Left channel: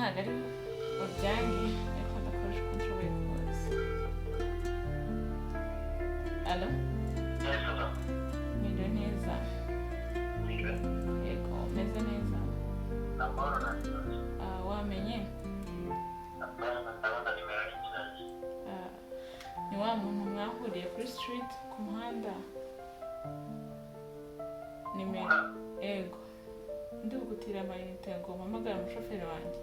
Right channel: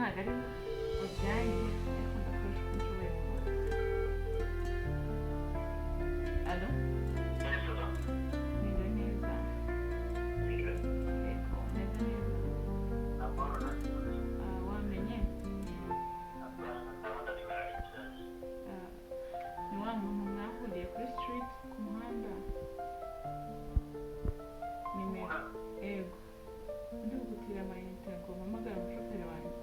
ntabwo ari ubyange ariko ndakoresha uko nshoboye kose. Alo? Meze neza. Yego, meze neza. Wamenye? Ni wa muntu mwahuriye kuri street ku muhanda? Nimero? Yego. Ndi bugutira amayinite ngo mpamagare umushoferi wanjye.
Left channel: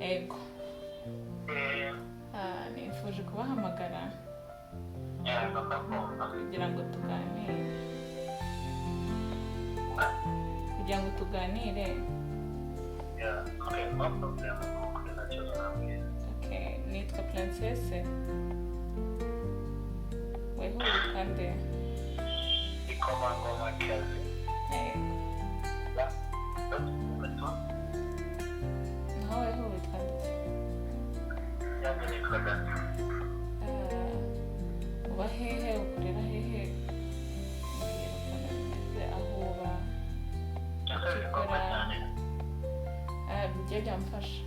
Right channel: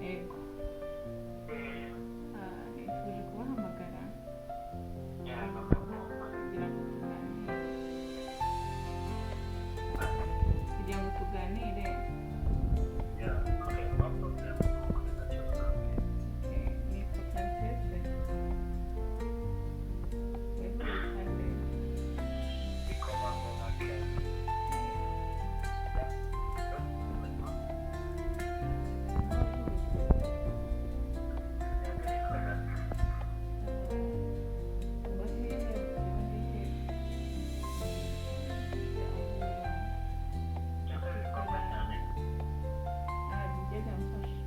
Yego. Nifuje kubahamagara kugira ngo tuganire. Okay, nitwa Princesse. Wewe witwa nde? Uba hehe, ukorera hehe? Mbwira ukuntu bimeze aho uba, icyo ukora. Bijya byamfasha.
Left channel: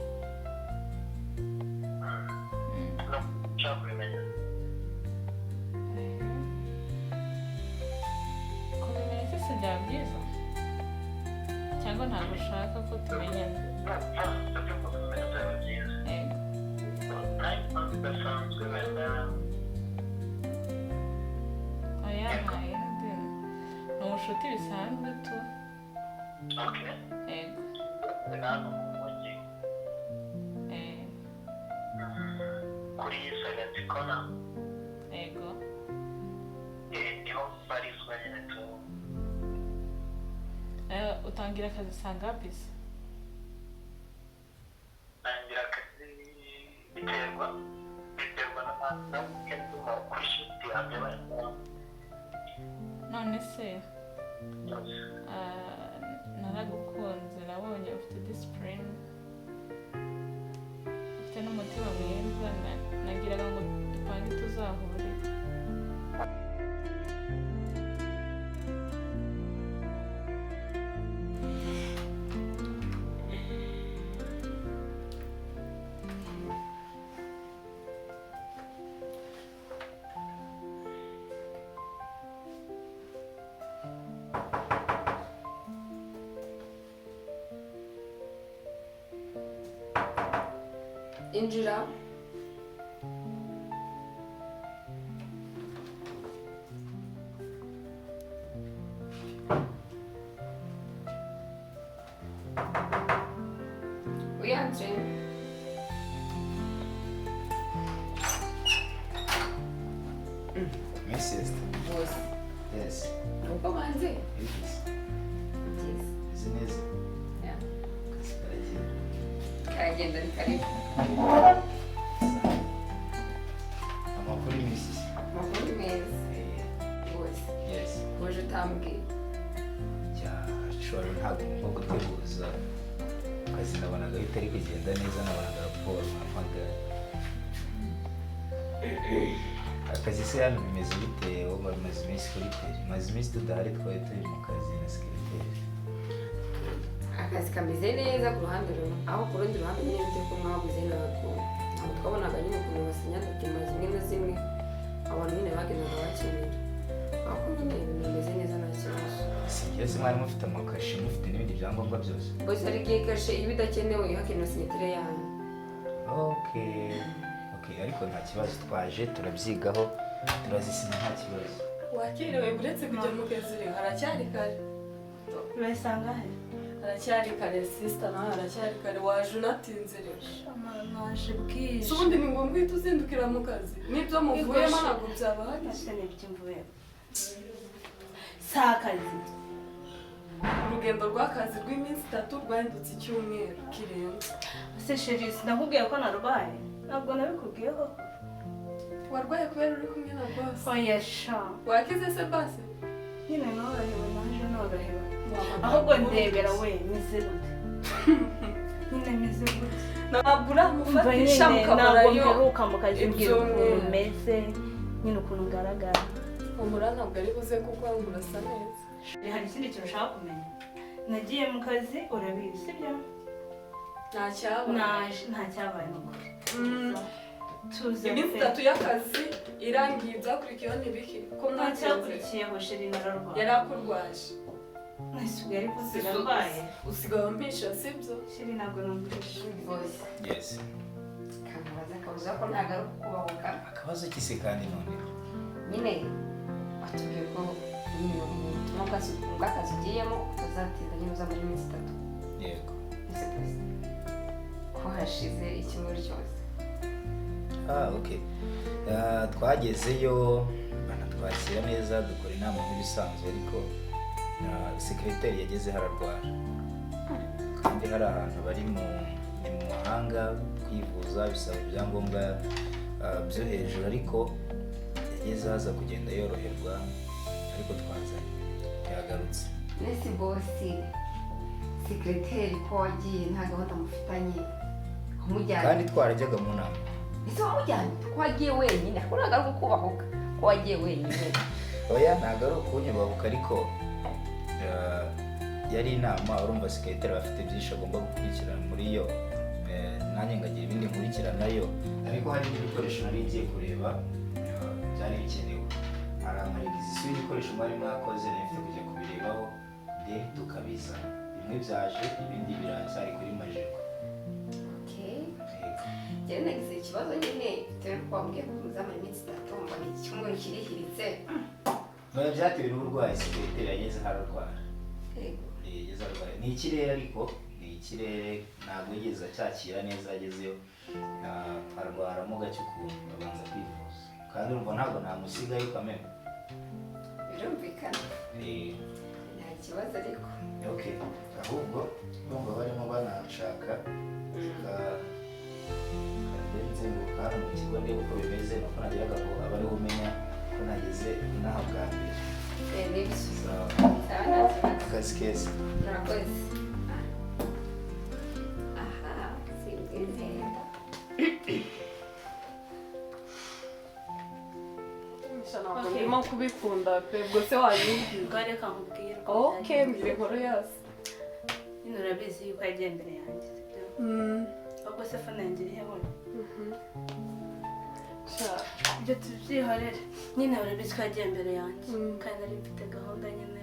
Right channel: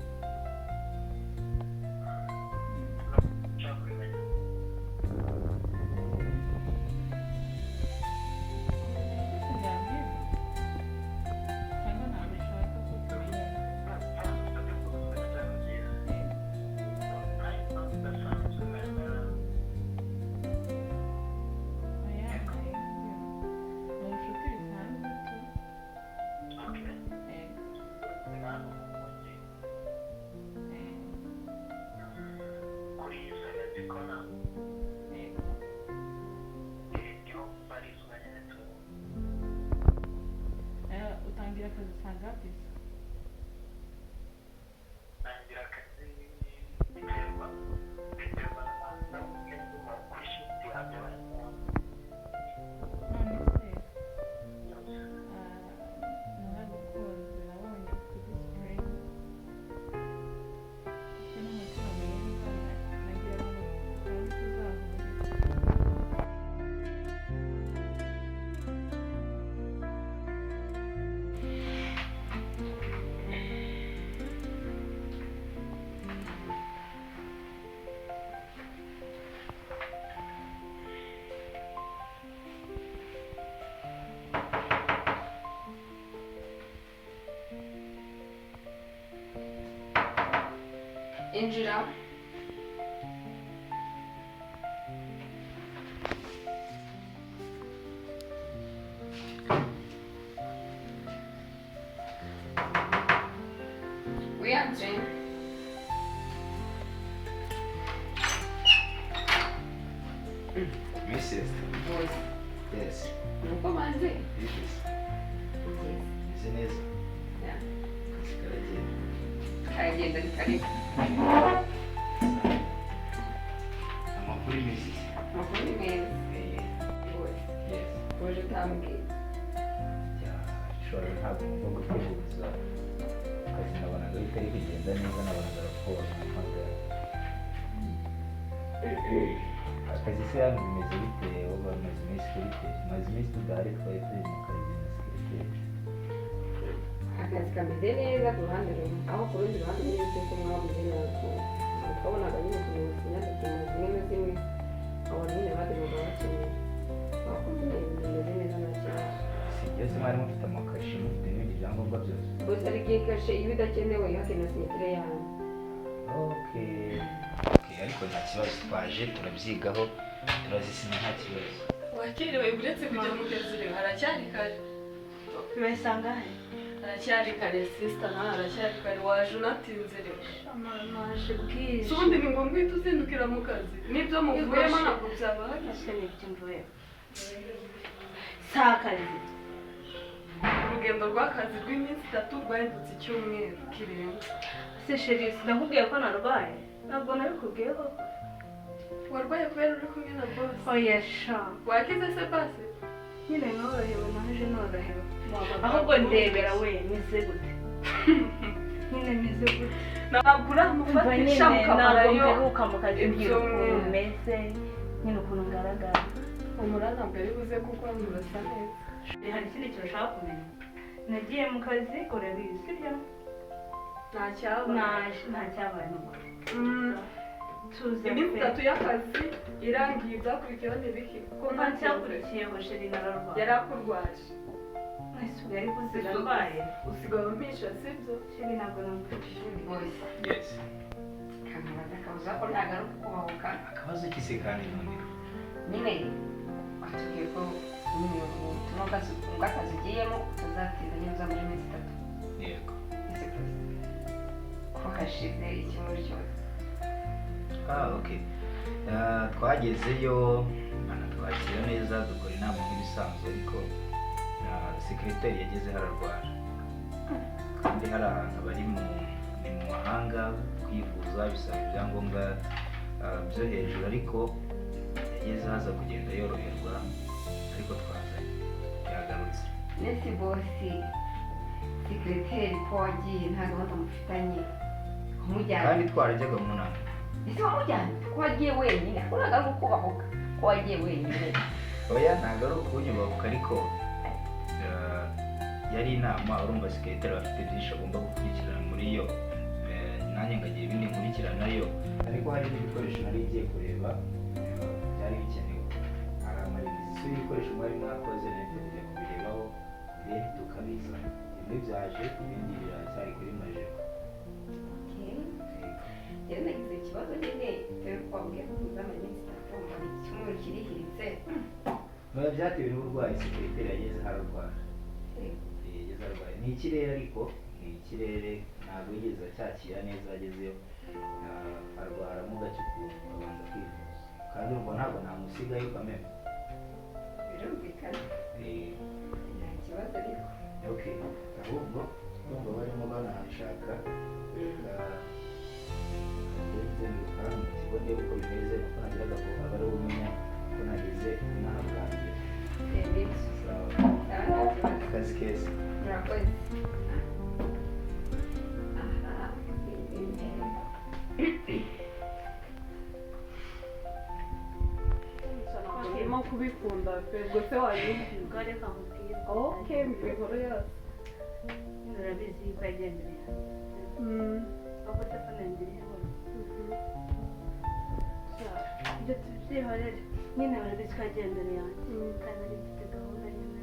Kubimenya cyose byaba byiza? Cyangwa ntabwo ushaka ko tumenyana? Oya, ni ubucuti bisanzwe tu. Yego. Kuri Sagatsikona. Yego. Niho barizwa nyine tu. Utangira akazi saa ngapi se? Tangira akazi biterwa na weekend kuri shift yanjye barimo. None se naragukunze, nabonye ufite discipline, ufite n'umutima mwiza, nagiraga ngo dupange tuzahurira. Injira. Wianze. My sister. Boys. Yes. Uko manze? Yes. Yes. Isn't it? Yeah. Karagenda. Karagenda karibu. Amakuru Mrs. Makuru meza. Boys. Yes. Uje utambwiye. Shora ntabwo ngomba guteguza akazi nabonaga bitari kugenda neza, nabonaga raporo mpamagara. Akazi se hano bimeze bite? Wowe umaze iminsi kuri teri? Umaze iminsi tudahari, twari turi mu kazi na sekreteri. Akazi kameze neza ku ruhande rumwe, aho ku rundi ruhande nyine turi ko mwabuze ntabwo twabonaga nyine ukuntu basinyana inyuma zimwe na zimwe abantu nyine bagendaga bakenera, ariko nyine ibintu bimeze neza nta kibazo. Si byose mwari mufite amakashi, mufite n'ibindi byangombwa byose? Bose hari igihe kashe iba idakenewe hakenewe sinyatire yanyu. Okay, ariko nta kibazo, twaje turabyigaho turazisinya nta kibazo. Wakiriwe buretse kujya mu kazi rero haracyari kare. Bisanga he? Haracyari kare sister, na haracyari kare, waje unatinze rero. Amaje bwije. Subundi ni ngombwa uhita uzindukira mu kazi. Nibyo muvuyemo ntabwo byaba hari. Nashene byimvuye. Sakarizi. Urugendo rw'akazi rw'iminsi 3 rwahindutse icyumweru kirenze. Se Cherise, nakubwiye ko narwaye. Ntabwo nabikubwiyeho. Warwaye kubera uri kumwe na boss? Oya sha. Wakize se basi? Nyine norohewe, naje norohewe. Ahubwo ndebera we mize gute. Nyine mize gute. Ntabwo uramufatisha mukabarayo. Ntabwo mperuka mu kazi ngira ukuntu meze, nyine ukuntu ngaragara. umura ntabwo ari buze kuko murasa neza. hari ikindi kintu ushaka kumenya nagiye mu kazi urabizi sibyo Nta cyabaye. nta cyabaye n'ukuri tuza Iminsi 3 y'akazi irangiye ibyakurikiyeho n'ibiki ko nta cyakurikiyeho sheri nararwaye yari akurwaje. nasugaye ariko zirarwaye Usigaye umpisha sibyo? sheri ntabwo numvise voice yes kanabaza kabuza ko ntagaruka kubahuka akabazo kise kandi none nyine watubwiye ko ubutumwa bw'akazi ugiyemo uzatinda nyuza muri minsi 3 yego ese ko hashize icyumweru cyose okay twagezeyo banatwakira neza dukora inama nk'ibisanzwe ariko sekreteri yageze hararwara kandi hari ahantu bari mu mahanga kwivuza bisaba ibyangombwa byo hejuru ariko yageze haza kugenda yoroherwa ariko twazanye yagarutse nesi bosi sekreteri ko wagiye nta gahunda mufitanye umujyanye kandi twarajyaga mu nama ese wamujyanye ko wagiye wenyine ko nagaruka kubahuka ko wagiye wenyine oya ntabwo ari ukunyubahuka ariko yari inama urumva sekreteri bafite byinshi agomba gukurikirana muri yo nanjye ngagira ibindi nkurikiranayo ariko hari n'ibikoresho nari ngiye kureba byari bikenewe hari amaregisiyo y'ibikoresho mwari mwakoze nafite kujya kubirebaho de tukabizana bimwe byaje ibindi biracyari kuri majeko njyewe nagize ikibazo nyine bitewe n'uko wambwiye ko muzamara iminsi 3 mbona icyumweru kirihiritse byatewe n'uburwayi sekreteri yageze hararwara yageze arwaye ni ikirere ariko ni ikirere ntabwo yigeze acyakira neza agezeyo arwaramo gake ukuntu abanza kwivuza kandi urumva ntabwo namusigayo kameme birumvikana nta kibazo ariko okay ahubwo urumva barimo banashaka ndetse nguka hano mu kigo ndeba uko bimeze nuko nageraga ngo aba ariho umenya ko nageze inaha bwa mbere nibyo akazi keza murakoze aha sinzi neza Ndimo kubikunda pe bwose wanyibwira. ngo reka nkubwire Okay, mbere nkoro yose. nyine urabizi yuko yagiye imbere yanjye ahubwo se Fanny yanjye iri heho ibyo tubyihorere nyine urabizi ko yagiye imbere yanjye kandi nari mfite gahunda nyine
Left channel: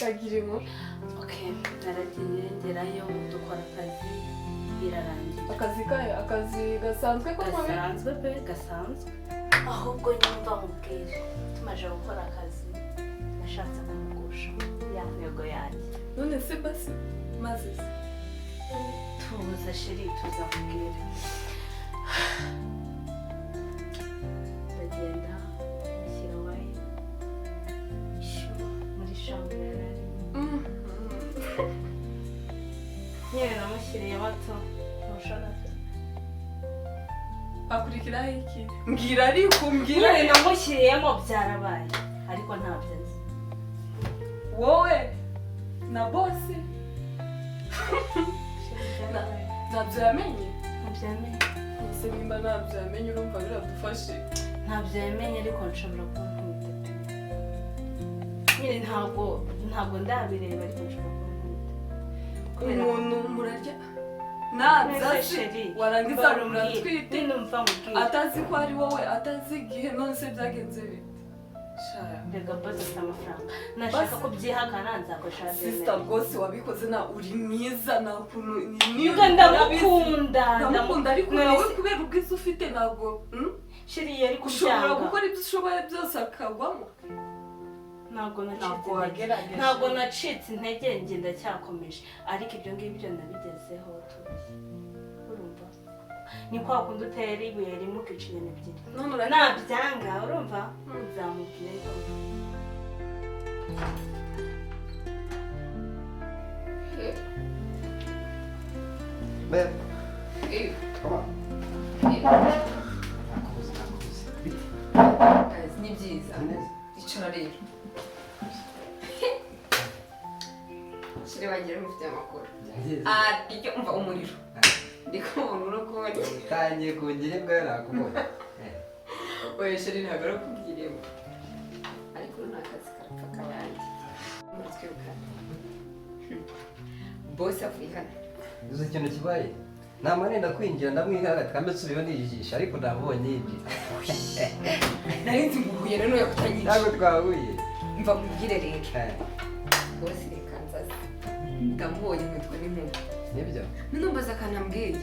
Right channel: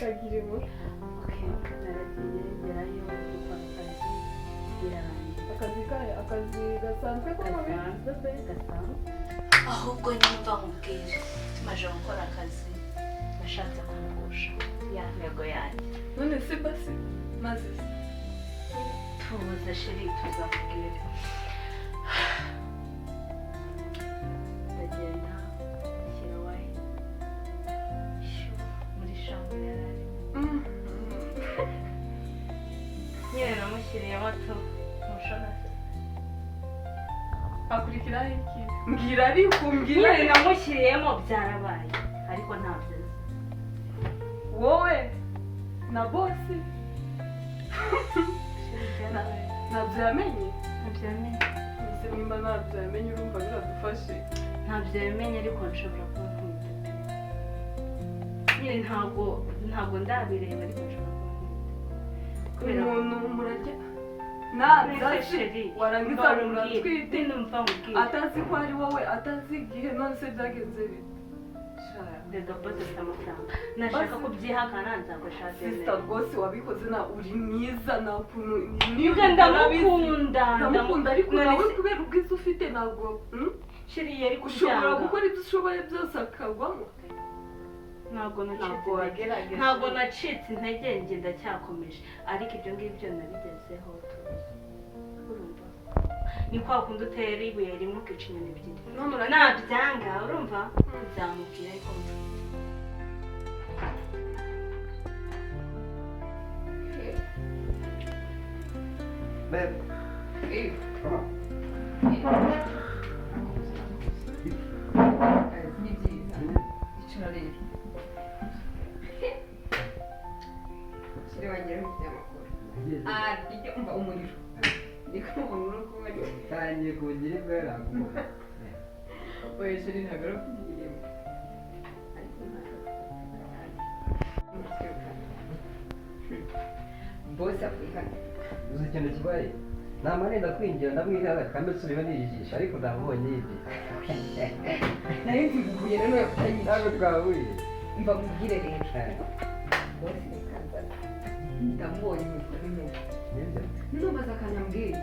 Bagira inkuru. okay naragiye ngerayo dukora akazi birarangira Akazi gasanzwe ko gasanzwe pe gasanzwe ahubwo nyumva nkubwire tumaze gukora akazi nashatse kumugusha ya ntego yanjye none se basi maze tuza sheri tuza nkubwire ndagenda mushyira wayini muri shambo yarari nyine namushyiriye bato ntushobora akurikiraho iki mbwira ariko mbwira nyine namushyiriyemo byarabaye ariko ntabyo nzi wowe na bosi ntabyo yamenye ese nimba ntabyo yamenye urumva biradufashe ntabyo yamenye ariko nshobora kuba ntwite nyine ntabwo ndabireba ariko nshobora kuba ntwite umuntu murarya ntabyaje warangiza muratwite atazi ko ari wowe atazi igihe none se byagenze bite mbega bose ufite amafaranga nashaka ko byihakana nzakoresha sisita rwose wabikoze na uri mwiza nta kuntu niba ndamukunda ariko nawe kubera ubwiza ufite ntabwo shiriye ariko ushobora gukora ibyo ushoboye byose akagwamo ntabwo nacitse intege njye ndacyakomeje ariko ibyo ngibyo nabigezeho urumva ni kwa kundi utera ibuye rimwe ukica inyoni ebyiri nabyanga urumva nzamubwira ariko ni byiza icara rero shiri bagira mufite amakuru iryo umva umuriro ndikubona urakubona utangiye kungira imbwa nakubona oya shiri ntabwo arakubwiye amakuru ni akazi karapfa kabandi twirukana bose Afurika uzi ikintu kibaye namarenda kwinjira ndamwihara kambe subiwe nijisha ariko nabonye ibi nari nzi guhuye rero yakutanyije ntabwo twahuye mva mubwire rero bose reka nzaza ndamubonye mwitwa n'inkuba nibyo ninumbaza akanambwiye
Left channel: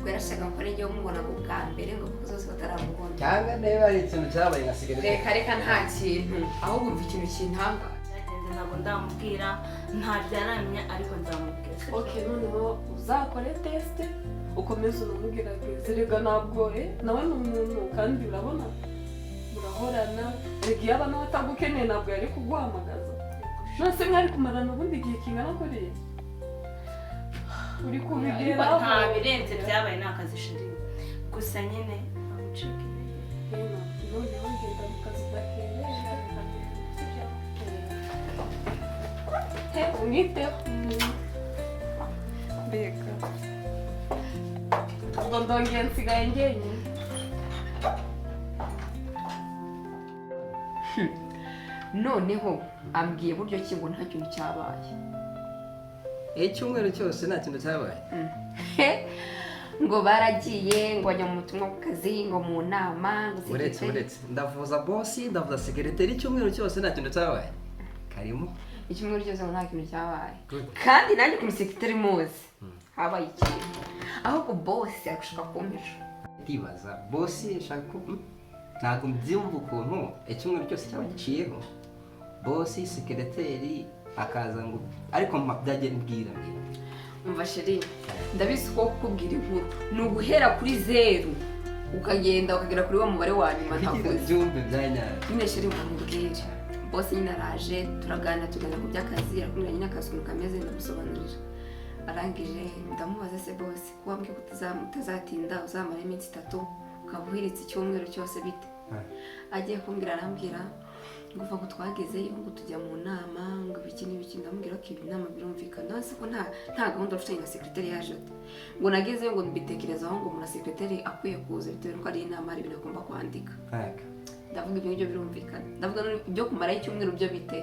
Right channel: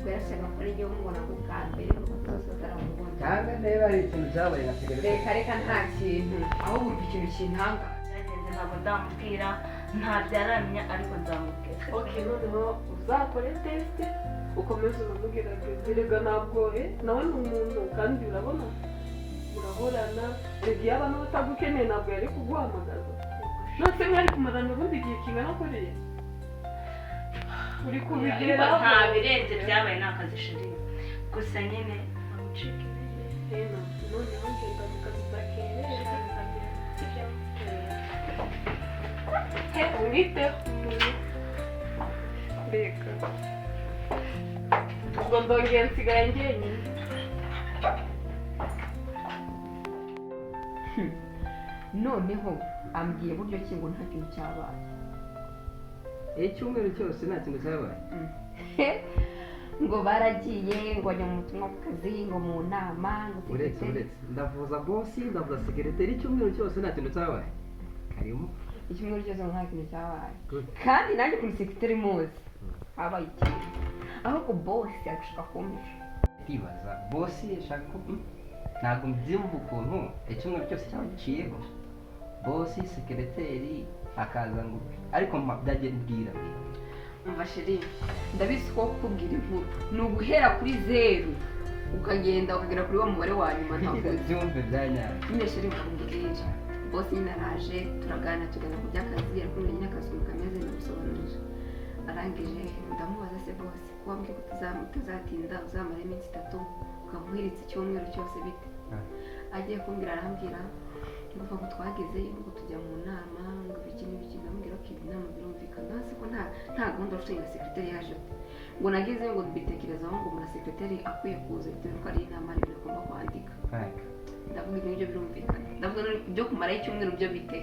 ngo yarashaka ngo ari njyewe umubona ngo bwa mbere ngo kuko zose bataramubona cyangwa niba ari ikintu cyabaye nka sigaret reka nta kintu ahubwo umva ikintu kintangaje byagenze ntabwo ndamubwira ntabyaramenya ariko nzamubwira okay noneho uzakore test ukomeze unamubwira zerega nabwohe nawe ni umuntu kandi urabona murahorana rega iyo abana batagukeneye ntabwo yari kuguhamagaza nose nk'ari kumarana ubundi igihe kingana kuriya uri kubigeraho nta birenze byabaye ni akazi shiri gusa nyine nta gucika intege noneho ngenda mu kazi udakerera umwiteho mbega ubwo ndongeye nsigaye njyenyine noneho ambwiye buryo ki ngo nta kintu cyabaye icyumweru cyose nta kintu cyabaye ngo baragiye ngo bajya mu butumwa ku kazi ngo mu nama ngo uretse ndavuza bosi ndavuza sekereteri icyumweru cyose nta kintu cyabaye karimo icyumweru cyose ngo nta kintu cyabaye kandi nanjye kuri sekereteri muzi habaye ikintu ahubwo bosi ari gushaka kumpisha ndibaza bosi ashaka ko ntabwo mbyumva ukuntu icyumweru cyose cyaba giciyeho bosi sekereteri akaza ngo ariko byagenda mbwira umva sheri ndabizi ko kukubwira inkuru ni uguhera kuri 0 ukagenda ukagera kuri wa mubare wa nyuma ntabwo byumve byanyara nyine sheri mubwire bosi nyine araje turaganira ku by'akazi arakumenya nyine akazi ukuntu kameze ndamusobanurira arangije ndamubaza se bosi ko wambwiye ko utazatinda uzamara iminsi 3 ukaba uhiritse icyumweru cyose bite agiye kumbwira arambwira ngo uva ngo twagezeyo ngo tujya mu nama ngo ibiki n'ibiki ndamubwira ko ibi nama birumvikana hasi ko nta gahunda bafite na sekreteri yaje ngo nagezeyo ngo mbitekerezaho ngo umuntu sekreteri akwiye kuza bitewe n'uko ari inama ari ibintu agomba kwandika ndavuga ibyo ngibyo birumvikana ndavuga ibyo kumaraho icyumweru byo bite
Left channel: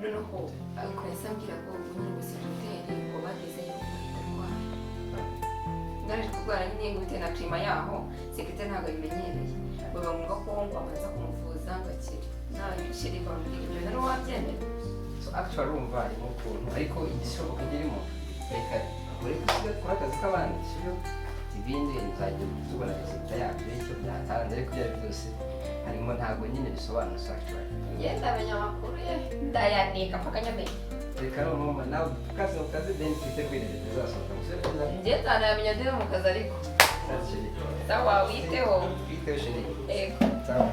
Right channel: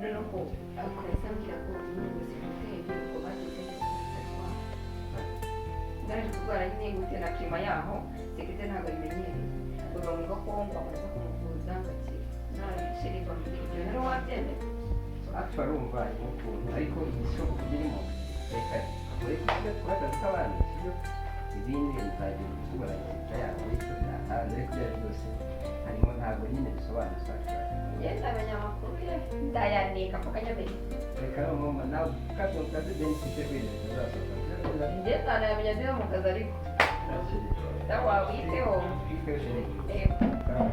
noneho akoresa ambwira ngo nyine ngo sekreteri ngo bagezeyo ngo batarwara ngaje kurwara nyine ngo bitewe na klima yaho sekreteri ntabwo abimenyereye ngo biba ngombwa ko ngo abanza kumuvuza ngakira nashirika muri ibyo rero wabyemeye actually urumva harimo ukuntu ariko igishoboka kirimo reka ureke kusiga kuri akazi k'abandi sibyo ibindi nzajya tubona resulta yabyo icyo byatanze ariko ibyo byose harimo ntabwo nyine bisobanutse actually ngenda amenya amakuru ye ndayanika mpaka nyamenya reka noneho nawe ukaze mu kazi then twite kwirinda bizasohoka musore njye nzanayamenya ndebe mu kazi ariko sawa witeho twite sheri ego sawa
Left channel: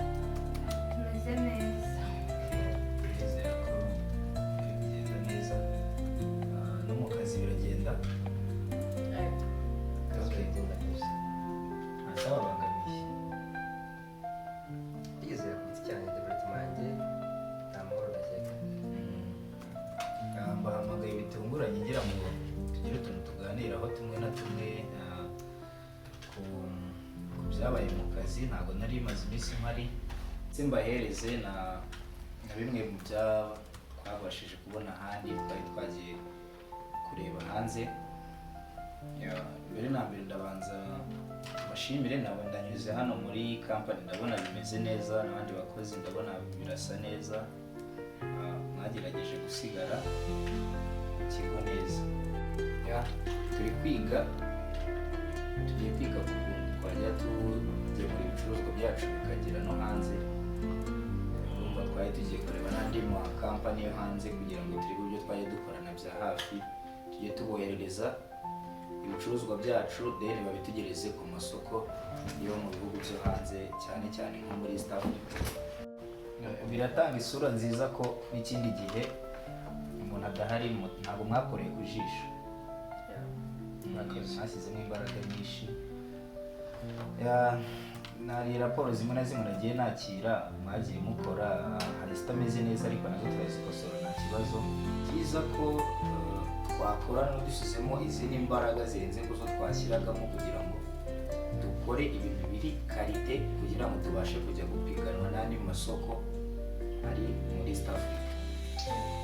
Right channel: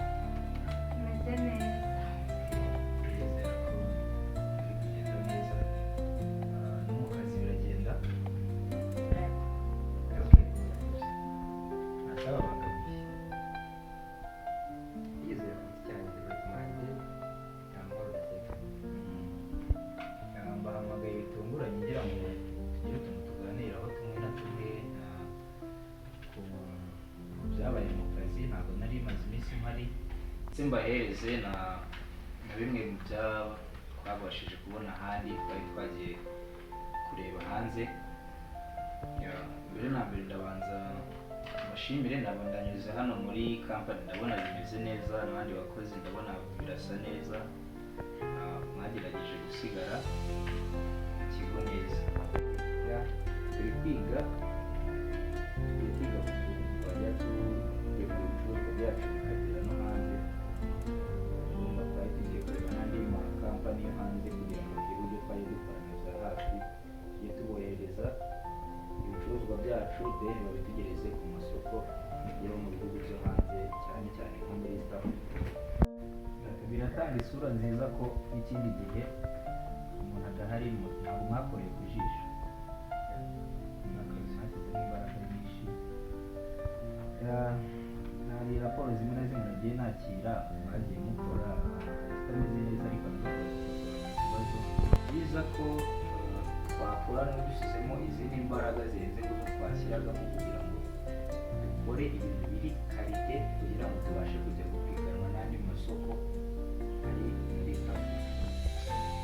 tumeze neza Ndizera ko biri kugenda neza no mu kazi biragenda akazi kagenda kose ntababangamiye ndizera ku giti cyanjye development yanjye nta mahoro ndakeka mbahamagaye bitunguranye ngira ngo tugire utuntu tuganiraho tumwe na tumwe ku byabaye mu kazi ntabwo nari maze iminsi mpari ndetse mbahereze na bimwe mu byaba twabashije kubona ahandi twari twagiye kureba hanze mbere na mbere ndabanza bashimire nabo ndanyuze hano muri kampani ndabona bimeze neza n'abandi bakozi ndabona birasa neza mwagerageje gusigara ikigo neza tugiye kwiga ku kuntu twajya tugiye ku ibicuruzwa byacu bikagera no hanze urumva twari tugiye kureba n'andi makampani yo hanze kugira ngo turebe uburyo twajya dukorana bya hafi tujye tuboherereza ibicuruzwa byacu then babitegereze ku masoko yo mu bihugu byo hanze cyane cyane nko muri East Africa biratanga isura nziza ko n'ikindi gihe umuntu adahari ntabwo mwakoreye ku jisho mwasizemo imbaraga nyinshi hari raporo zimwe na zimwe nagiye nakira mwagiye mukora hari zitameze neza ariko nazo turazikosora nta kibazo byiza ko twakorana dushyizemo izindi mbaraga zirenze ku zo twashyiragamo kugira ngo dukore ibintu biri karite kugira ngo tubashe kujya gupiganwa n'andi masoko ari muri East Africa.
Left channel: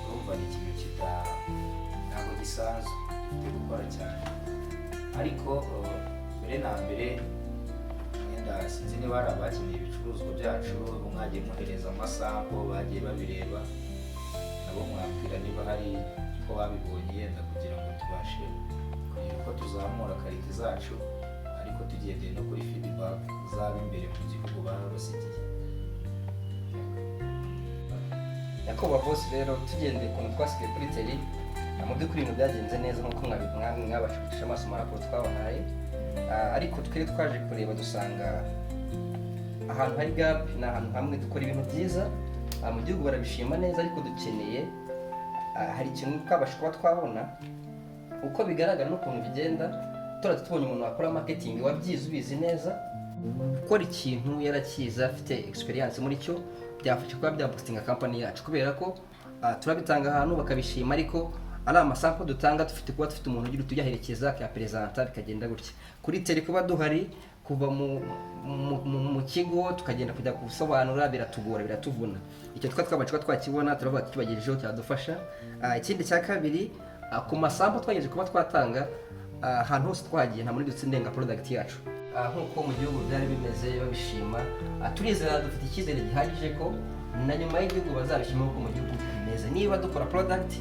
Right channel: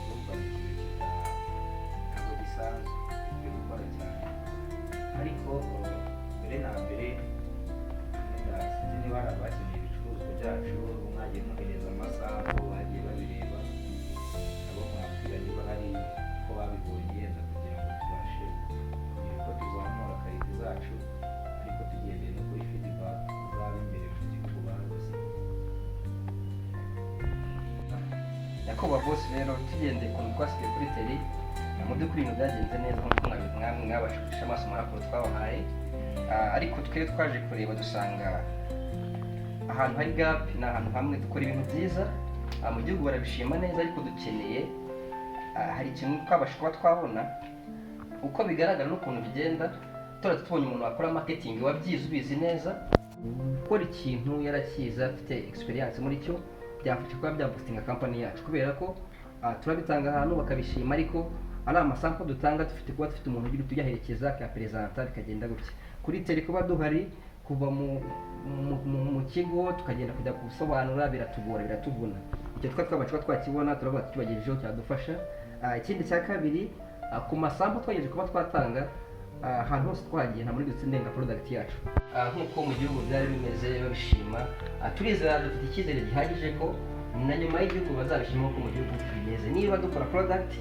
Urumva ni ikintu ntabwo gisanzwe dufite gukora cyane, ariko mbere na mbere wenda sinzi niba hari abakeneye ibicuruzwa byacu mwagiye mwohereza amasampo bagiye babireba, nabo mwabwira niba hari ko babibonye yenda kugira ngo tubashe kugira uko tuzamura karite zacu, ariko tugendeye no kuri feedback zaba imbere mu gihugu baba basigiye. Nyakubahwa bose rero tugendeye ukuntu twasigaye kuri teri mu by'ukuri ibintu byagenze neza nk'uko mwabasha gucisha amaso muri raporo twabahaye, ariko twari twaje kureba dusanga ahantu hari gap ni ahantu hamwe dukora ibintu byiza mu gihugu barabishima neza, ariko dukeneye hari ikintu twabasha kuba twabona uko bigaragara n'ukuntu bigenda. Turamutse tubonye umuntu wakora marketing wabyize ubizi neza gukora ikintu yarakiza afite experience muri cyo, byafasha kuba byabustinga company yacu, kubera ko turabitanga ahantu bakabishima, ariko ari amasample dutanga dufite kuba dufite umuntu ugira tuyaherekeza akapresenta bikagenda gutya. Kuri tele kuba duhari kuva mu kigo tukagenda kujya gusobanura biratugora biratuvuna. Icyo twabasha twakibona turavuga tukibagejejeho cyadufasha. Ikindi cya kabiri ku masample twagejeje kuba twatanga ahantu hose twagiye nta muri dutsindenga product yacu nk'uko mu gihugu byari bimeze babishima. Turizera dufite icyizere gihagije ko na nyuma y'igihugu bazabishima uko mu gihugu bimeze. Niba dukora product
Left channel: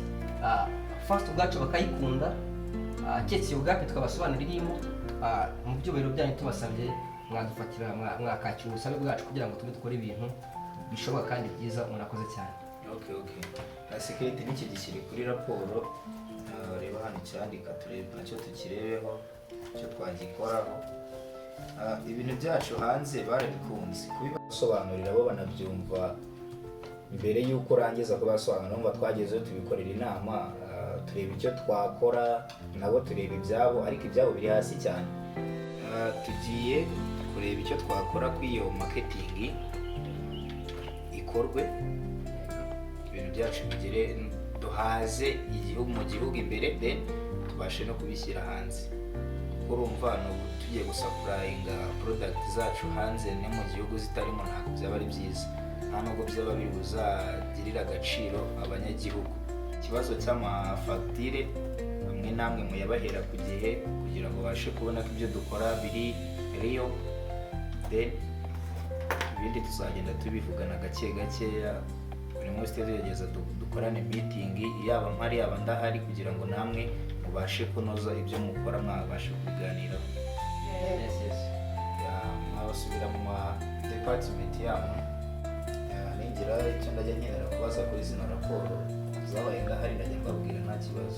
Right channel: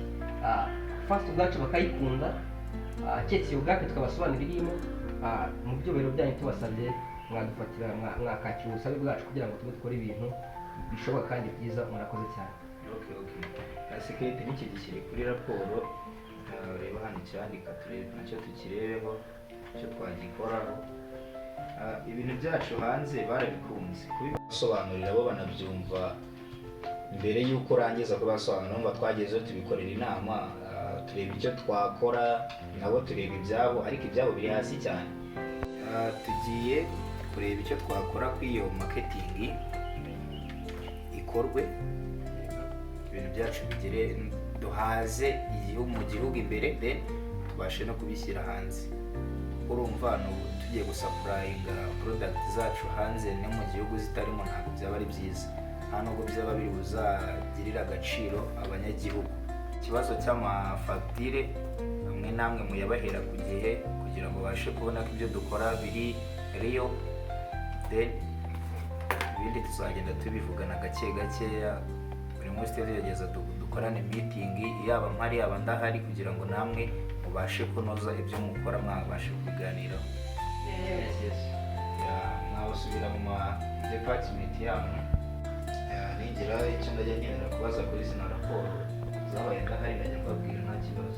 first ubwacu bakayikunda, cyetse ubwacu tukabasobanurira irimo mu byubahiro byanyu tubasabye mwadufatira mwakakira ubusabe bwacu kugira ngo tube dukore ibintu bishoboka kandi byiza. Murakoze cyane. Okay. Security n'iki gishyire kuri raporo, reba hano cyandika turebe nacyo tukirebeho icyo twagikoraho. Ibintu byacu hanze barabikunze kubibasobanurira bo banabyumva mbere y'uko urangiza kubasobanurira, ngo twagezeho tubikorera inama, tureba icyo twakora nabo tureba ibyabo, ariko ibyabo biri hasi cyane. Tugiye kureba icyo twakora kuri iyo marketing ikorwe, ibintu byacu bigere duhaze igihugu mu gihugu imbere, then tubashe no kubishyira hanze. Urumva no tugiye gusapurayinga product zacu hanze no mu gihugu zitarimo ntabwo byaba ari byiza, nta nubwo byaba biri buzagirira agaciro abanyagihugu. Ikibazo cy'amafagitire amwe namwe muyabahera ku gihe kugira ngo babashe kubona ko ibyo dukora biri real, then ibindi tuzagenda tubivugana gake gakeya. Buri munsi tugerageza dukorane meeting, yaba mpari yaba ndahari, kugira ngo namwe mubashe kunoza ibyo mukora, mwabashe kubiganiraho. Mwabasubira mu department yanyu. Ningira icyo ndajya nkenera kubaza kuri zino raporo zabaye ndahari, ndajya mbabwira nta kibazo.